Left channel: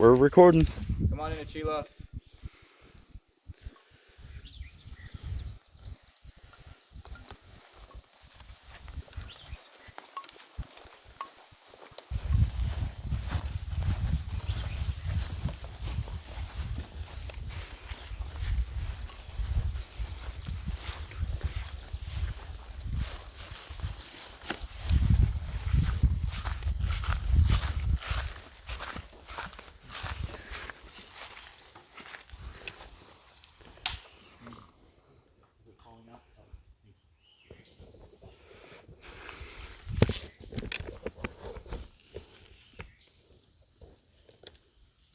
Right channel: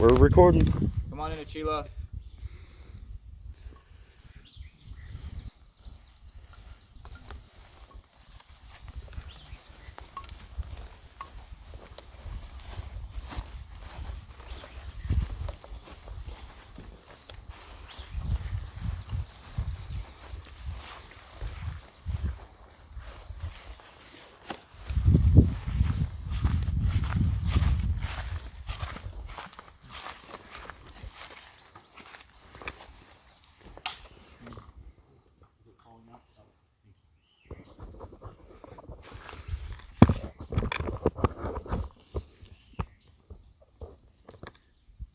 We're recording. Come on in, Achila.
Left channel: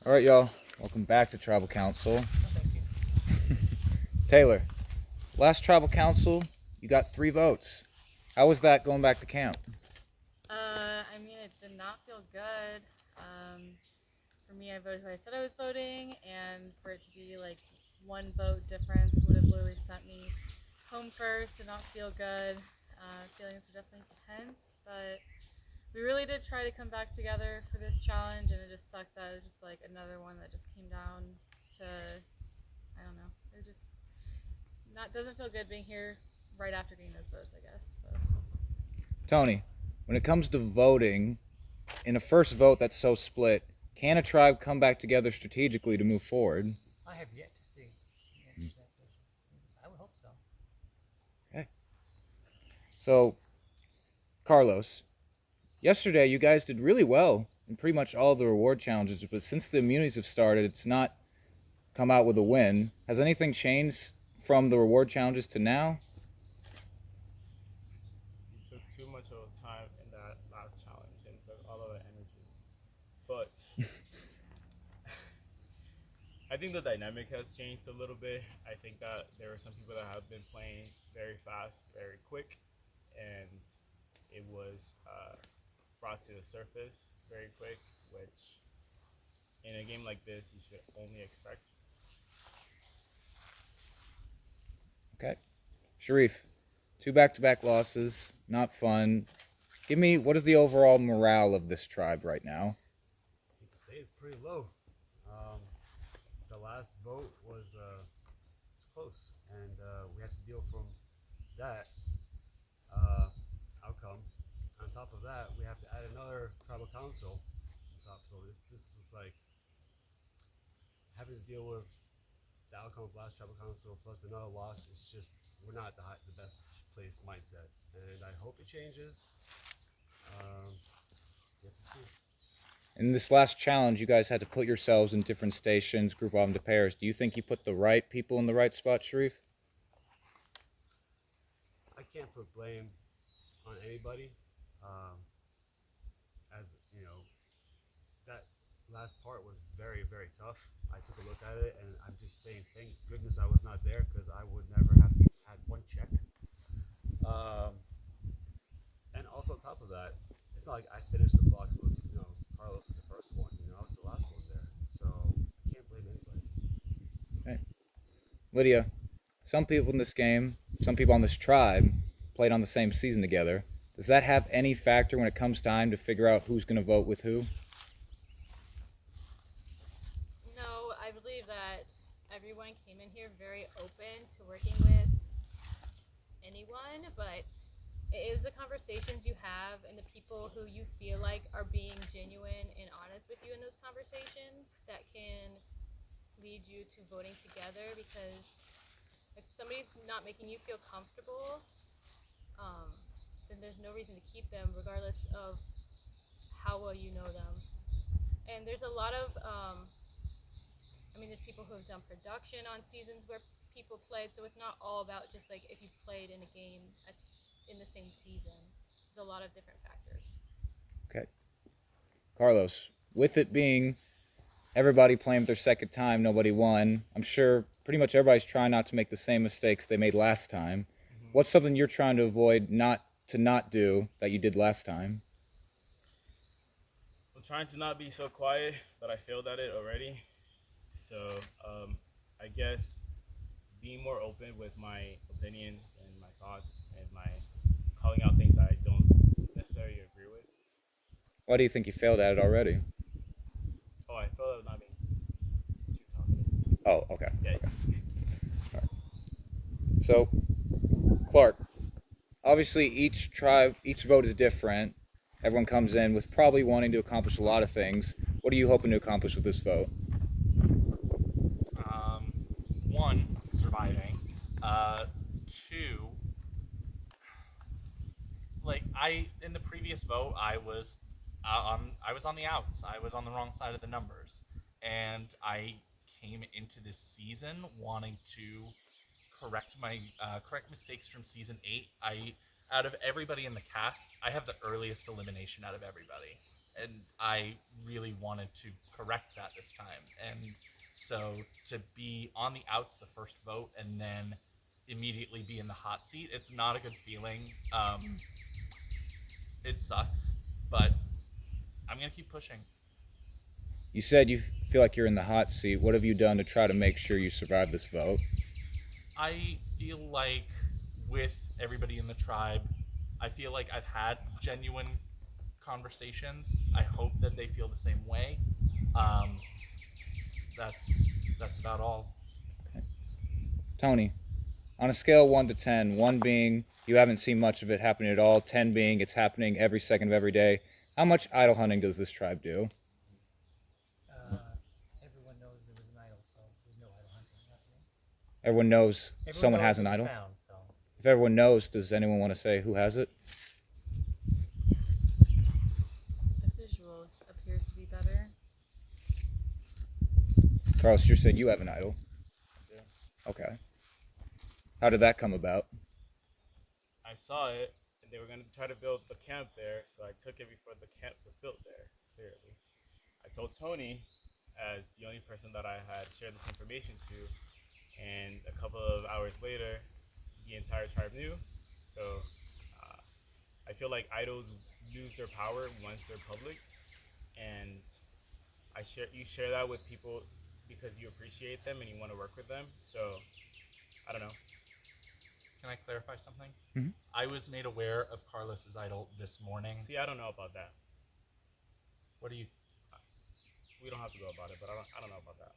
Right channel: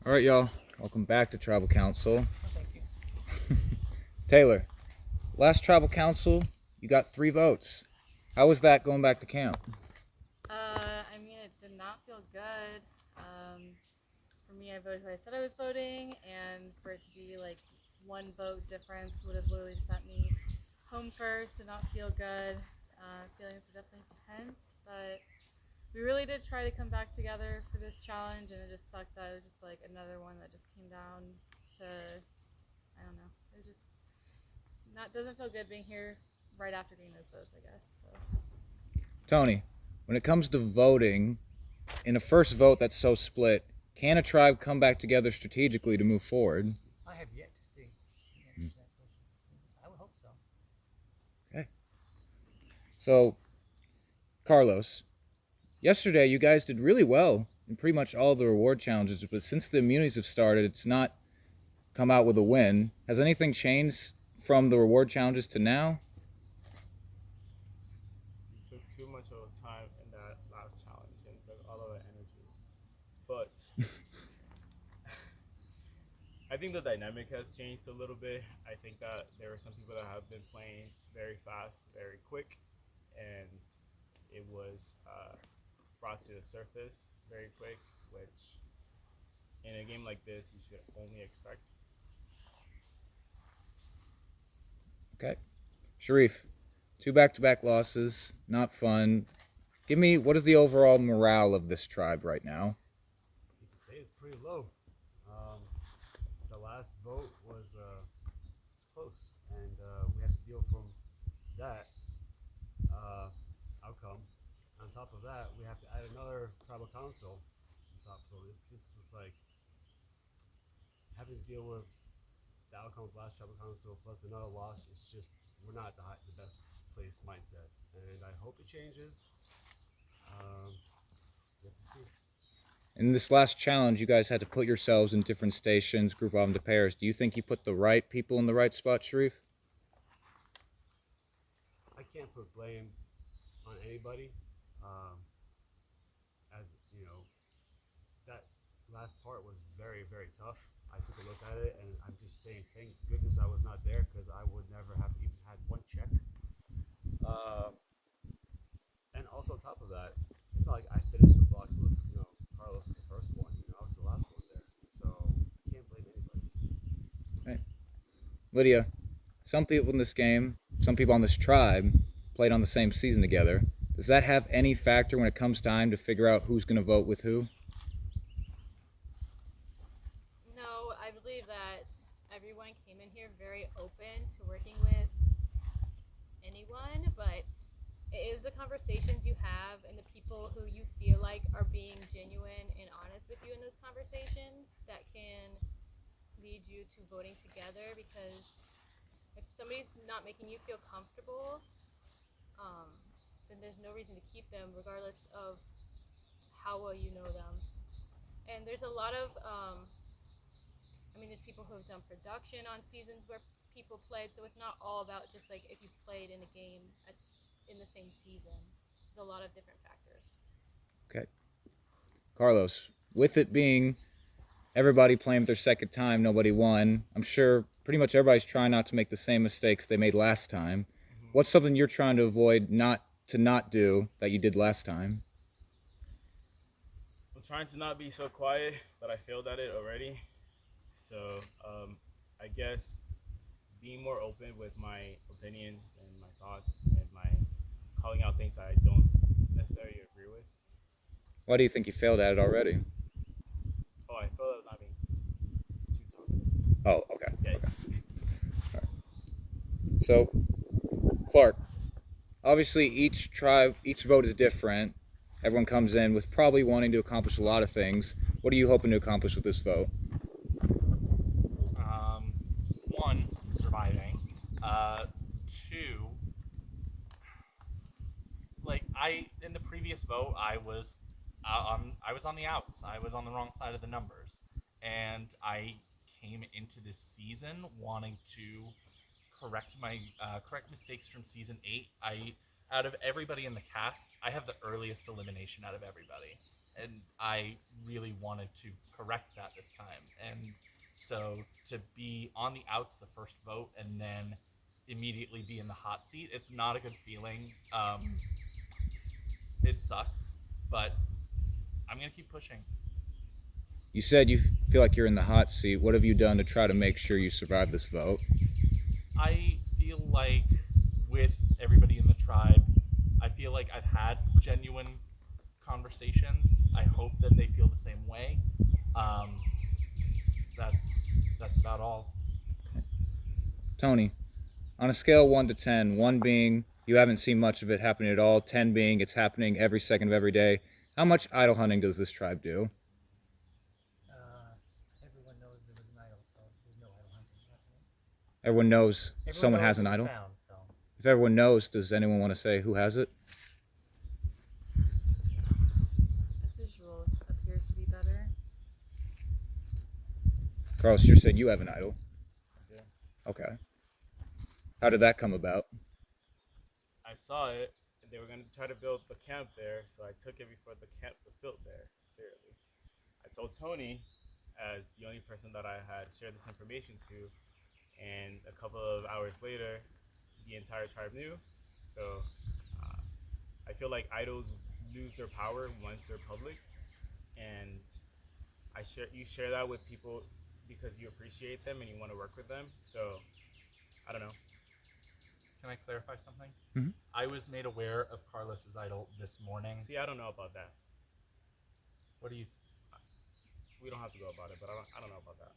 All right, y'all. Welcome back to Tribal Council. Oh, thank you. Taylor, last Tribal Council, you got 3 votes. How was that going back to camp? It did not feel good. For me, I voted who I said I was voting, and for it to be like 1 vote difference would have literally sent me home first. Did not feel good. Feelings were definitely tense, but we really did try to come back together for this challenge, and it just sucked that it was just like another one that just came down to, I don't know. It just doesn't feel good being here right after getting those votes, I guess. So. Tony, when it comes to voting, in a first vote that's so split, can a tribe come back together strategically to move forward? I have yet to see the answer to that question. I would hope so. Okay. So, Carlos, yesterday you guys did really well in pretty much all the reward challenges, but since the immunities have started, it's not come out with a win. Has anything changed from the reward challenges to now? You took too much of time in that last challenge and took all of the energy. But I think the dynamic has changed a little bit. I think that there are some people that have been playing very fast, very quick, and it was brought to the surface very quick, which in a game like this you should only expect. Okay. Sharif, 2 back-to-back losses, not fun. Give me, what is the overall morale of this tribe right now? You can say it's pretty low. The last vote was close, and we had to deal from that outcome. On top of that, we have to add another tribal council on top. So this is like having to deal with the outcome of last tribal council plus another loss. It's just we're not the best placed mindset, and I hope it changes. We have to see. In this last challenge, you guys had to put yourselves in different stations, group them into pairs. Do you think you put the right people in the right spot, Sharif? I can't put blame on anybody. As you know, that last part was very, very tough. I took a look at it, and I'm just saying, thank goodness I was not there because I would never have even had 1 check. And also on top of that, it's not like I finished the block with Carlos the first one. I was the last one there, so I can't blame anybody. Okay. Lydia, some people in this game, some people on this tribe, played on the same season together. Does that have any factor when it comes time to figure out who's going to vote with who? No, I believe that everyone came in here very open to working with anyone, but it is the conversations you have and the people who you feel like are being genuine and honest with you in those conversations that can lead you to voting together, because if somebody's not making you feel comfortable, then there's no reason to keep them regardless of how well you know them. And there's a lot of there's people who have done production on seasons where people played, so it's not all about just like if you played in a game in the same season. There's a lot of different factors. Okay. Carlos, with it being everybody playing their second time, nobody won, I'm sure pretty much everybody's trying not to make the same mistakes they made last time. Mm-hmm. What's something you're trying to avoid not do that you did last time? I'm trying to not be so quiet, but I failed at it already. So I guess being more open with my opinions and my thoughts and my calling out things that I don't necessarily agree with. Why do you think you failed at it already? Oh, I felt I was not being too talkative. Oh, okay. Yeah. Okay. All right. So, Clark, obviously each vote is different. Everyone comes in with probably wanting to accomplish a lot of things. What are you hoping to accomplish with this vote? One, surviving. Two, like in the previous vote, I was on the outs. I was on the wrong side of the numbers, and I came into this season wanting to correct my correct mistakes from season 8. Out of everybody in the cast, I have the earliest elimination out of everybody, and I really wanted to correct that this time. And so to be on the outs the first vote and then immediately be in the hot seat, it's not a good feeling. It sucks, but I'm gonna keep pushing. You said you feel like you're in the hot seat. What have you done to try to make sure you survive this vote? I feel like with everybody in the tribe, I feel like I've had genuine conversations. I hope that they feel the same way. That's about all. Tony, on a scale of 1 to 10, 1 being you haven't seen much of it happening at all, 10 being it's happening every second of every day, how much idol hunting does this tribe do? Everyone knows there was an idol, so there's no idol hunting happening. Everyone knows Everyone someone knows has an it was idol? found, so. If everyone knows, does anyone want to say who has it? The visual appears to be better. Carlos, you said you have an idol. Yeah. Okay. How did that come about? I saw it, and they were going to try to build the camp there, so I took it before the camp was built there, clearly. I told Tony, as the only person that I had shared this information to, and a couple of hours later, the entire tribe knew. So I feel like idols lose their power once they're public, and you share that with people because you appreciate them and you want to work with them. So I don't know. Can I clarify something? Mhm. I was made aware of Carlos's idol this morning. See, I don't know about that. What do you? We don't have to go about it, but I don't know about that.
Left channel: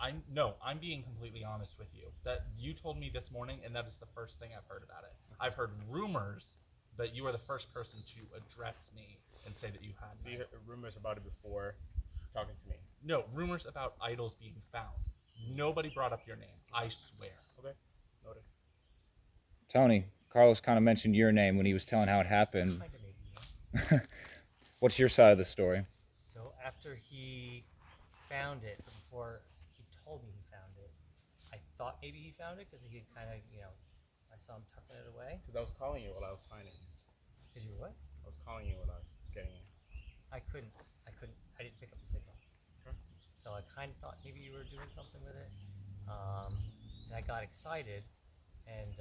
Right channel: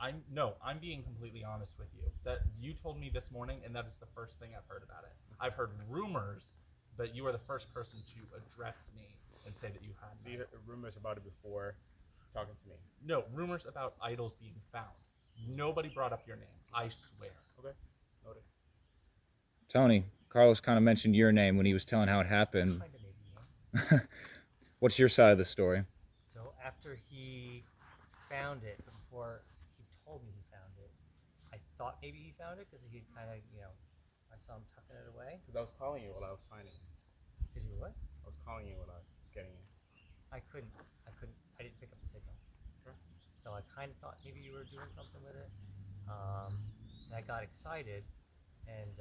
I'm being completely honest with you. That you told me this morning, and that is the first thing I've heard about it. I've heard rumors, but you are the first person to address me and say that you had. So you heard rumors about it before talking to me. No, rumors about idols being found. Nobody brought up your name. I swear. Okay, noted. Tony, Carlos kind of mentioned your name when he was telling how it happened. Kind of maybe, yeah. What's your side of the story? So after he found it, but before he told me he found it, I thought maybe he found it because he kind of, I saw him tucking it away. Because I was calling you while I was finding it. Because you were what? I was calling you while I was getting it. I didn't pick up the signal. Sure. So I kind of thought maybe you were doing something with it. And I got excited, and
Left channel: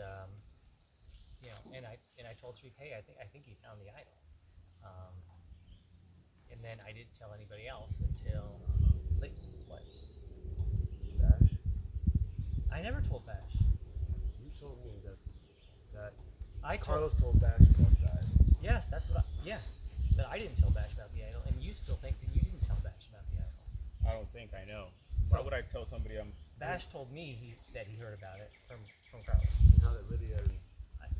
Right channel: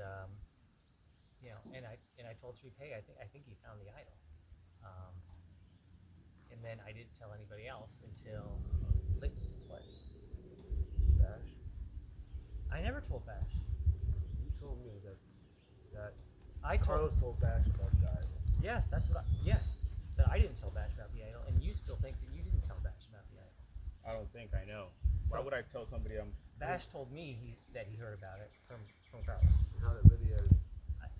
and I told Sharif, hey, I think he found the idol. And then I didn't tell anybody else until what? Bash. I never told Bash. You told me that I told. Carlos told Bash about that. Yes, that's what. Yes, but I didn't tell Bash about the idol, and you still think that you didn't tell Bash about the idol. I don't think I know. Why So- would I tell somebody I'm... Bash told me that he heard about it from Carlos. And how that Lydia and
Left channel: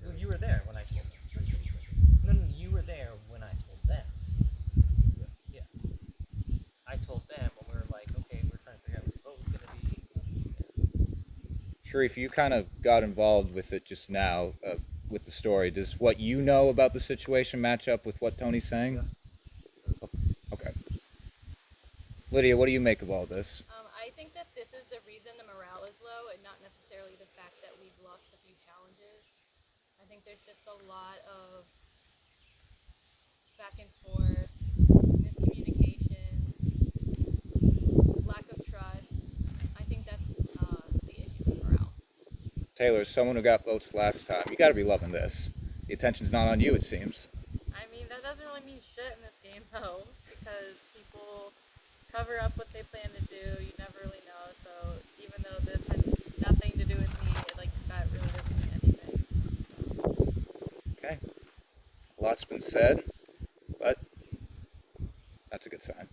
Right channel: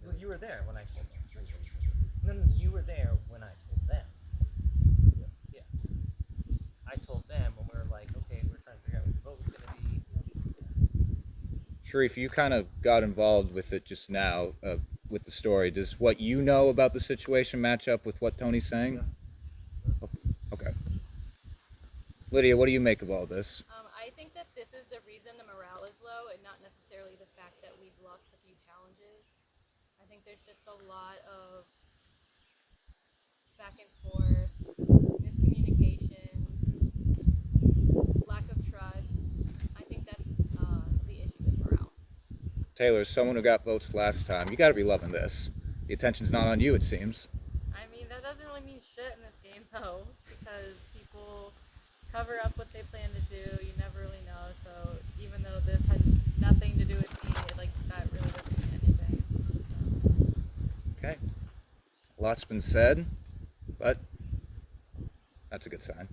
Well, you were there when I told them. No, you were there when I told them. Yeah. I told them when we were like, okay, we're trying to figure out what the vote was going to be. Sharif, you kind of got involved with it just now, with the story. Does what you know about the situation match up with what Tony's saying? Yeah. Okay. Lydia, what do you make of all this? I think that this is the reason the morale is low, and not necessarily the fact that we've lost a few challenges. I think there's just a lot of back and forth, miscommunications, lack of trust. I think that's the issue with morale. Taylor, as someone who got votes last time, you got to be loving this. The attention's not on you, it seems. I mean, that doesn't really mean shit in this game, though, because people cover up what they plan to do. You never really know. So even though this has nothing to do with me, that really doesn't mean anything. So. Okay. A lot's been said, but that's a good sign.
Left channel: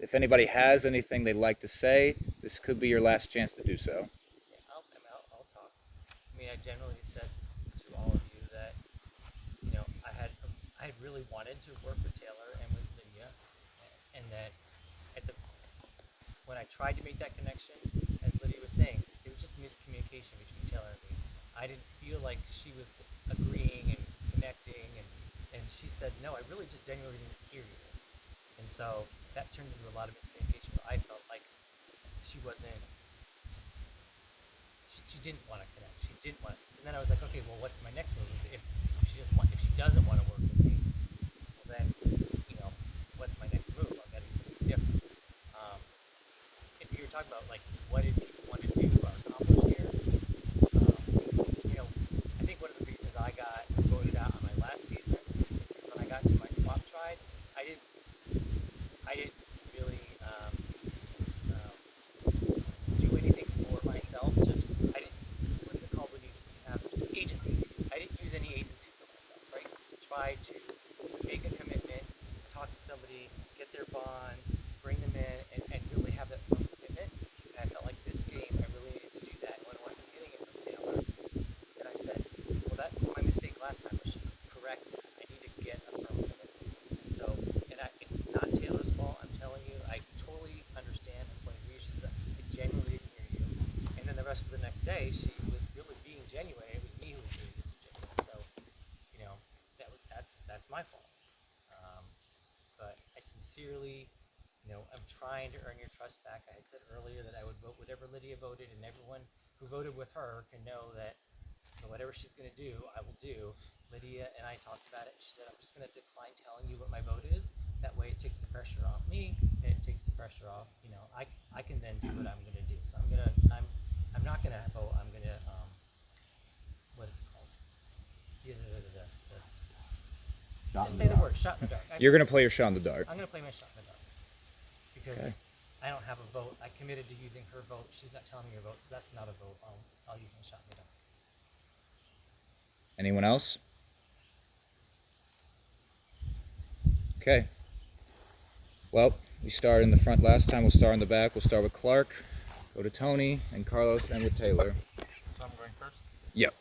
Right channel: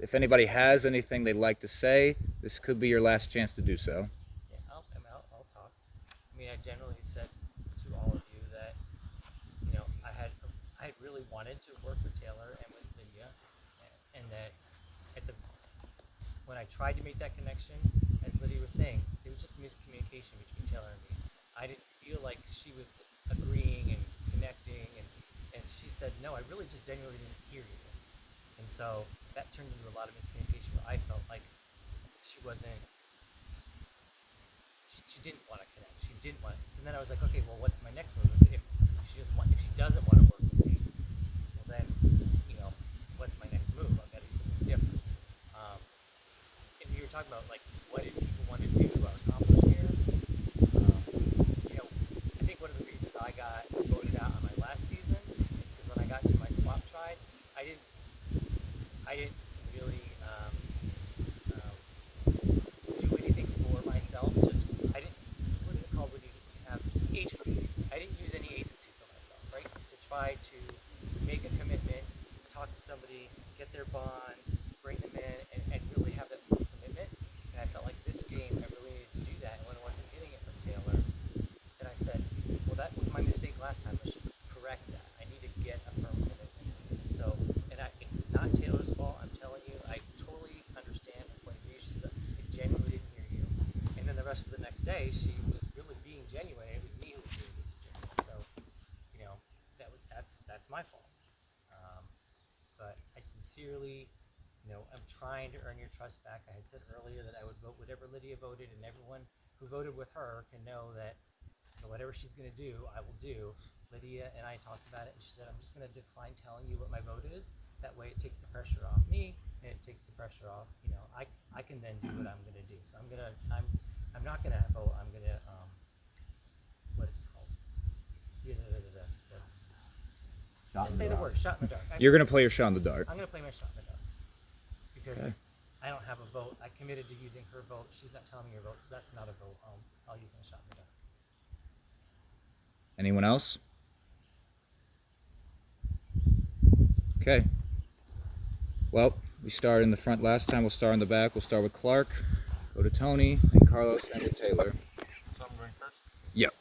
If anybody has anything they'd like to say, this could be your last chance to do so. Yeah, I'll talk. I mean, I generally said to all of you that, you know, I had really wanted to work with Taylor and with Lydia, and that when I tried to make that connection, as Lydia was saying, there was just miscommunication between Taylor and me. I didn't feel like she was agreeing and connecting, and she said, no, I really just genuinely didn't hear you. And so that turned into a lot of miscommunication where I felt like she wasn't, she didn't want to connect. She didn't want to. So then I was like, okay, well, what's my next move? If she doesn't want to work with me, well then, you know, what's my next move? I've got to do something different. And you were talking about like, what did people want to do or accomplish here? You know, I think one of the reasons I got voted out on my last season is because when I got to my swap tribe, I didn't really do anything for myself. I didn't. What is it called when you have agency? I didn't use any agency for myself, right? To try to make a commitment, talk to somebody, get their bond, bring them in, and really have that firm commitment. And I felt like this game, I really needed to do that. And when I wasn't getting it from Taylor, then I said, well, that was my mistake last time. I should correct that. I need to get a firm commitment. And so, it's not Taylor's fault. I'm telling you, I totally understand her point of view. She said, I genuinely didn't hear you. And then the rest of the next day, she was really being genuine. It was me who was being disingenuous. So, you know, that's my fault. But I sincerely, you know, I'm trying to earn your trust back. I had said earlier that I would vote whatever Lydia voted, and everyone who voted with her can know that, you know, whatever she's going to do, I will do. Lydia and I talked about it, and she said, I'm just going to decline telling you what my vote is. That way it takes the pressure off me, and it takes the pressure off, you know, I can then do what I'm going to do. So I'm not going to vote. I'm going to, what is it called? Just say the word, shot in the dark. You're going to play your shot in the dark. I'm going to play my shot in the dark because Okay. I don't have a vote. I committed to using her vote. She's not telling me her vote, so that's not a vote. I'll use my shot in the dark. Anyone else? Okay. Well, we started in the front last time. We'll start in the back. We'll start with Clark, go to Tony, and Carlos, and with Taylor. So I'm going first. Yep.